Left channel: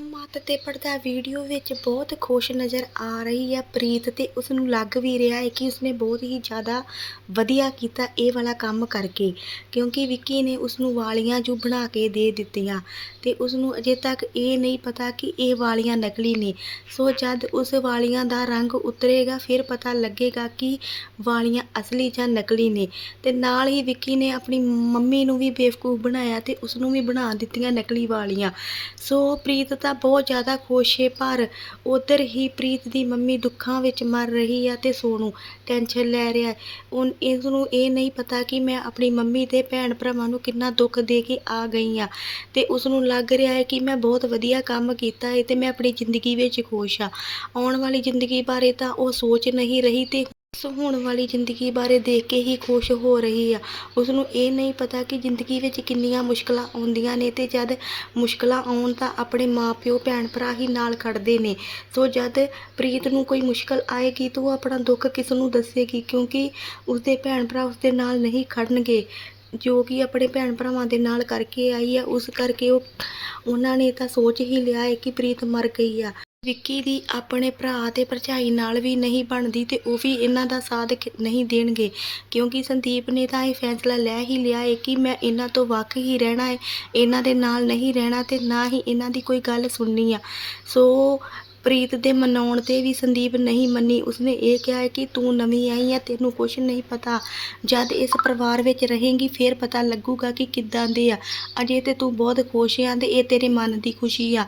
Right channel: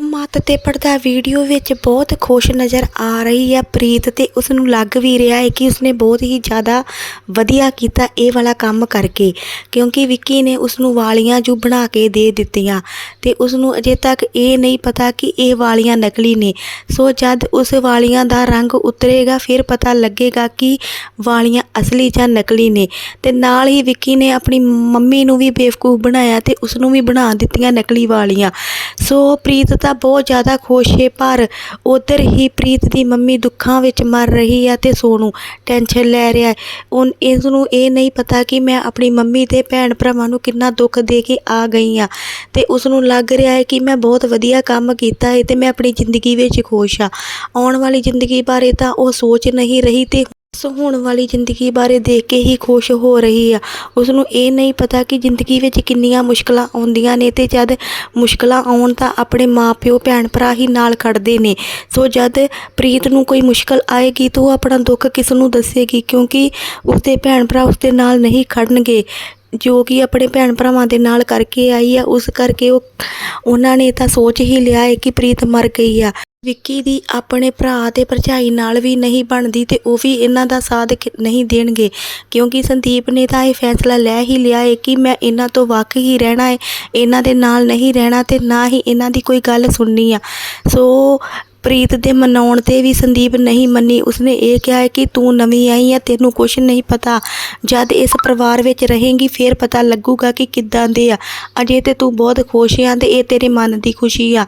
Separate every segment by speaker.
Speaker 1: ਮੱਤ ਤੇ ਪੜਦਾ ਵੀਡੀਓ ਵਿੱਚ ਬਹੁਤ ਖੁਸ਼ ਨਜ਼ਰ ਆ ਰਹੀ ਹੈ। ਪ੍ਰੀਤ ਤੇ ਉਸ ਨੂੰ ਲੱਗ ਵੀ ਰਿਹਾ ਹੈ ਕਿ ਉਸਨੇ ਬਹੁਤ ਹੀ ਜ਼ਿਆਦਾ ਵਧੀਆ ਕੀਤਾ ਇਹ ਵਾਲਾ ਕੰਮ ਕਰਕੇ, ਕਿਉਂਕਿ ਵਿੱਕੀ ਨੇ ਉਸ ਨੂੰ ਵਾਲੀਆਂ ਜੋ ਬਣਾ ਕੇ ਦੇ ਦਿੱਤੀਆਂ ਤੇ ਉਸ ਨੂੰ ਅਜੇ ਤੱਕ ਇਹ ਨਹੀਂ ਪਤਾ ਕਿ ਇਹ ਵਾਲੀਆਂ ਨਕਲੀ ਨੇ। ਸੋ ਜਦ ਉਸ ਵਾਲੀਆਂ ਦਾ ਰੰਗ ਉਤਰੇਗਾ, ਫਿਰ ਪਤਾ ਲੱਗੇਗਾ ਕਿ ਵਾਲੀਆਂ ਅਸਲੀ ਜਾਂ ਨਕਲੀ ਨੇ ਤੇ ਨਾਲ ਹੀ ਵਿੱਕੀ ਨੇ ਆਪਣੀ ਮੰਮੀ ਨੂੰ ਵੀ ਬੇਵਕੂਫ ਬਣਾਇਆ ਤੇ ਉਸ ਨੂੰ ਵੀ ਬਣਾ ਦਿੱਤੀਆਂ ਨਕਲੀ ਵਾਲੀਆਂ। ਸੋ ਪ੍ਰੀਤ ਤਾਂ ਬਹੁਤ ਜ਼ਿਆਦਾ ਖੁਸ਼ ਹੈ ਪਰ ਉਧਰ ਹੀ ਪ੍ਰੀਤ ਦੀ ਮੰਮੀ ਦੁੱਖਾਂ ਵਿੱਚ ਮਰ ਰਹੀ ਹੈ ਤੇ ਸੋਨੂ ਟੈਨਸ਼ਨ ਲੈ ਰਿਹਾ ਹੈ ਉਨ ਇਸ ਨੂੰ ਇਹ ਨਹੀਂ ਪਤਾ ਕਿ ਮੈਂ ਆਪਣੀ ਮੰਮੀ ਤੇ ਭੈਣ ਭਰਾਵਾਂ ਨੂੰ ਕਿੰਨਾ ਦੁੱਖ ਦੇ ਕੇ ਆ ਗਈ ਆ ਤੇ ਉਸ ਨੂੰ ਲੱਗ ਰਿਹਾ ਹੈ ਕਿ ਮੈਂ ਬਹੁਤ ਵਧੀਆ ਕੰਮ ਕੀਤਾ ਹੈ ਤੇ ਮੈਂ ਆਪਣੀ ਜ਼ਿੰਦਗੀ ਵਿੱਚ ਖੁਸ਼ ਆ। ਆਉਣ ਵਾਲੀ ਜ਼ਿੰਦਗੀ ਬਾਰੇ ਤਾਂ ਉਹ ਸੋਚ ਨਹੀਂ ਰਹੀ ਤੇ ਸੋ ਹੋਣ ਵਾਲੀ ਜ਼ਿੰਦਗੀ ਬਾਰੇ ਦੇਖ ਕੇ ਹੀ ਖੁਸ਼ ਹੋ ਰਹੀ ਆ। ਉਸ ਨੂੰ ਇਹ ਨਹੀਂ ਪਤਾ ਕਿ ਜ਼ਿੰਦਗੀ ਵਿੱਚ ਕਿੰਨੀਆਂ ਮੁਸ਼ਕਲਾਂ ਆਉਂਦੀਆਂ ਨੇ ਤੇ ਜਦ ਮੁਸ਼ਕਲਾਂ ਆਉਣ ਤਾਂ ਆਪਣੇ ਮਾਪਿਓ ਭੈਣ ਭਰਾ ਹੀ ਨਾਲ ਖੜਦੇ ਨੇ। ਸੋ ਜਦ ਪ੍ਰੀਤ ਨੂੰ ਕੋਈ ਮੁਸ਼ਕਲ ਆਏਗੀ ਤਾਂ ਉਹ ਆਪਣਾ ਦੁੱਖ ਕਿਸ ਨੂੰ ਦੱਸੇਗੀ? ਕਿਉਂਕਿ ਉਸਦੇ ਭੈਣ ਭਰਾ ਉਸਦੇ ਨਾਲ ਨਹੀਂ ਖੜਨਗੇ। ਜੋ ਕਿ ਆਪਣੇ ਭੈਣ ਭਰਾਵਾਂ ਦੇ ਨਾਲ ਕਰਕੇ ਆਈ ਆ, ਉਸ ਕਰਕੇ ਉਹ, ਉਹਨਾਂ ਨੇ ਤਾਂ ਸੋਚ ਹੀ ਲਿਆ ਹੈ ਕਿ ਪ੍ਰੀਤ ਮਰ ਗਈ ਆ। ਵਿੱਕੀ ਦੀ ਆਪਣੇ ਭਰਾ ਤੇ ਭਰਜਾਈ ਨਾਲ ਵੀ ਨਹੀਂ ਬਣਦੀ ਤੇ ਉਹ ਵੀ ਇਹਨਾਂ ਦਾ ਸਾਥ ਨਹੀਂ ਦੇਣਗੇ। ਕਿਉਂਕਿ ਸੰਦੀਪ ਨੇ ਤਾਂ ਇਹ ਫੈਸਲਾ ਲੈ ਹੀ ਲਿਆ ਹੈ ਕਿ ਮੈਂ ਇਹਨਾਂ ਤੋਂ ਵੱਖ ਹੀ ਰਹਿਣਾ ਹੈ ਇਹਨਾਂ ਦੇ ਨਾਲ ਨਹੀਂ ਰਹਿਣਾ ਤੇ ਨਾ ਹੀ ਇਹਨਾਂ ਦੀ ਕੋਈ ਗੱਲ ਸੁਣਨੀ ਆ। ਸੋ ਪ੍ਰੀਤ ਦੇ ਮਨਾਉਣ ਤੇ ਵੀ ਸੰਦੀਪ ਨਹੀਂ ਮੰਨੀ। ਉਸਨੇ ਇਹ ਕਿਹਾ ਹੈ ਕਿ ਤੂੰ ਨਵੀਂ ਆਈ ਹੈ ਤੈਨੂੰ ਕੁਝ ਨਹੀਂ ਪਤਾ। ਜਦ ਇਸ ਪਰਿਵਾਰ ਵਿੱਚ ਰਹੇਂਗੀ, ਫਿਰ ਪਤਾ ਲੱਗੂਗਾ ਕਿ ਕਿੱਦਾਂ ਦੇ ਆ। ਅਜੇ ਤੇ ਤੂੰ ਬਹੁਤ ਖੁਸ਼ ਆ ਤੇ ਇਹ ਤੇਰੇ ਮਨ ਦੀ ਖੁਸ਼ੀ ਆ।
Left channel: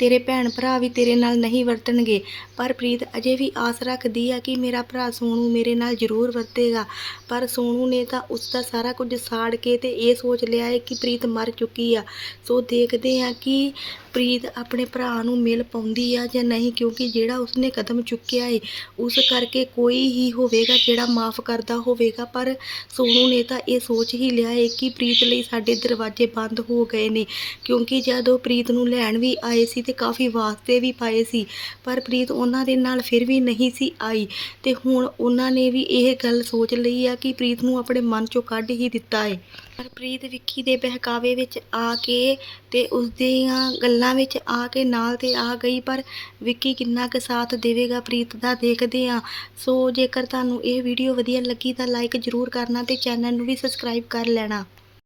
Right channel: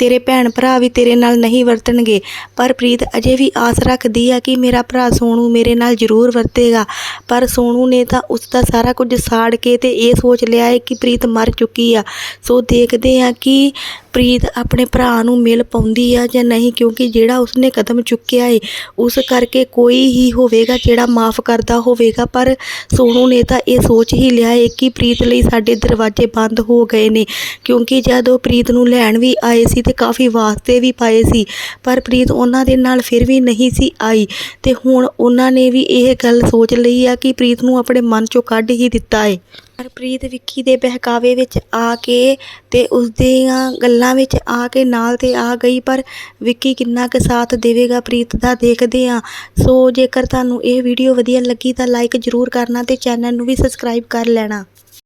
Speaker 1: ਤੇਰੇ ਭੈਣ ਭਰਾ ਵੀ ਤੇਰੇ ਨਾਲ ਨਹੀਂ ਵਰਤਣਗੇ। ਪਰ ਪ੍ਰੀਤ, ਅਜੇ ਵੀ ਆਸ ਰੱਖਦੀ ਆ ਕਿ ਮੇਰਾ ਭਰਾ ਸੋਨੂ ਮੇਰੇ ਨਾਲ ਜ਼ਰੂਰ ਵਰਤੇਗਾ। ਪਰ ਸੋਨੂ ਨੇ ਤਾਂ ਉਸ ਦਾ ਸਾਰਾ ਕੁਝ ਸਾੜ ਕੇ ਤੇ ਇਹ ਸੋਚ ਲਿਆ ਹੈ ਕਿ ਪ੍ਰੀਤ ਮਰ ਚੁੱਕੀ ਆ। ਸੋ ਦੇਖਦੇ ਆ ਕਿ ਪ੍ਰੀਤ ਆਪਣੇ ਭਰਾ ਨੂੰ ਮਿਲ ਪਾਉਂਦੀ ਆ ਜਾਂ ਨਹੀਂ, ਕਿਉਂਕਿ ਜਿਹੜਾ ਉਸਨੇ ਕਦਮ ਚੁੱਕਿਆ ਏ, ਉਸ ਕਰਕੇ ਕੋਈ ਹੀ ਹੋਵੇਗਾ ਜਿਹੜਾ ਮਾਫ ਕਰਦਾ ਹੋਵੇਗਾ। ਪਰ ਸੋਨੂ ਨੇ ਤਾਂ ਇਹ ਸੋਚ ਹੀ ਲਿਆ ਏ ਕਿ ਪ੍ਰੀਤ ਲਈ ਸਾਡੇ ਦਰਵਾਜ਼ੇ ਬੰਦ ਹੋ ਗਏ ਨੇ, ਕਿਉਂਕਿ ਜਦ ਉਹ ਪ੍ਰੀਤ ਨੂੰ ਲੈਣ ਵੀ ਆਏ ਸੀ ਤੇ ਕਾਫੀ ਵਾਸਤੇ ਵੀ ਪਾਏ ਸੀ, ਪਰ ਪ੍ਰੀਤ ਉਹਨਾਂ ਦੇ ਨਾਲ ਫਿਰ ਵੀ ਨਹੀਂ ਸੀ ਆਈ ਤੇ ਹੁਣ ਉਹਨਾਂ ਨੇ ਵੀ ਇਹ ਗੱਲ ਸੋਚ ਲਈ ਆ ਕਿ ਪ੍ਰੀਤ ਨੂੰ ਆਪਣੇ ਮਨ ਚੋਂ ਕੱਢ ਹੀ ਦਿੱਤਾ ਏ। ਪਰ ਪ੍ਰੀਤ ਵਿੱਕੀ ਦੇ ਬਹਿਕਾਵੇ ਵਿੱਚ ਆ ਕੇ ਤੇ ਉਸਦੀਆਂ ਗੱਲਾਂ ਵਿੱਚ ਆ ਕੇ ਨਾਲ ਤੇ ਆ ਗਈ, ਪਰ ਵਿੱਕੀ ਕਿੰਨਾ ਕੁ ਸਾਥ ਦੇਵੇਗਾ ਪ੍ਰੀਤ ਦਾ ਦੇਖਦੇ ਆ ਸੋ ਜੇਕਰ ਤੁਹਾਨੂੰ ਇਹ ਵੀਡੀਓ ਵਧੀਆ ਲੱਗੀ ਤਾਂ ਲਾਈਕ ਜ਼ਰੂਰ ਕਰਨਾ ਤੇ ਚੈਨਲ ਨੂੰ ਵੀ ਸਬਸਕ੍ਰਾਈਬ ਕਰ ਲੈਣਾ।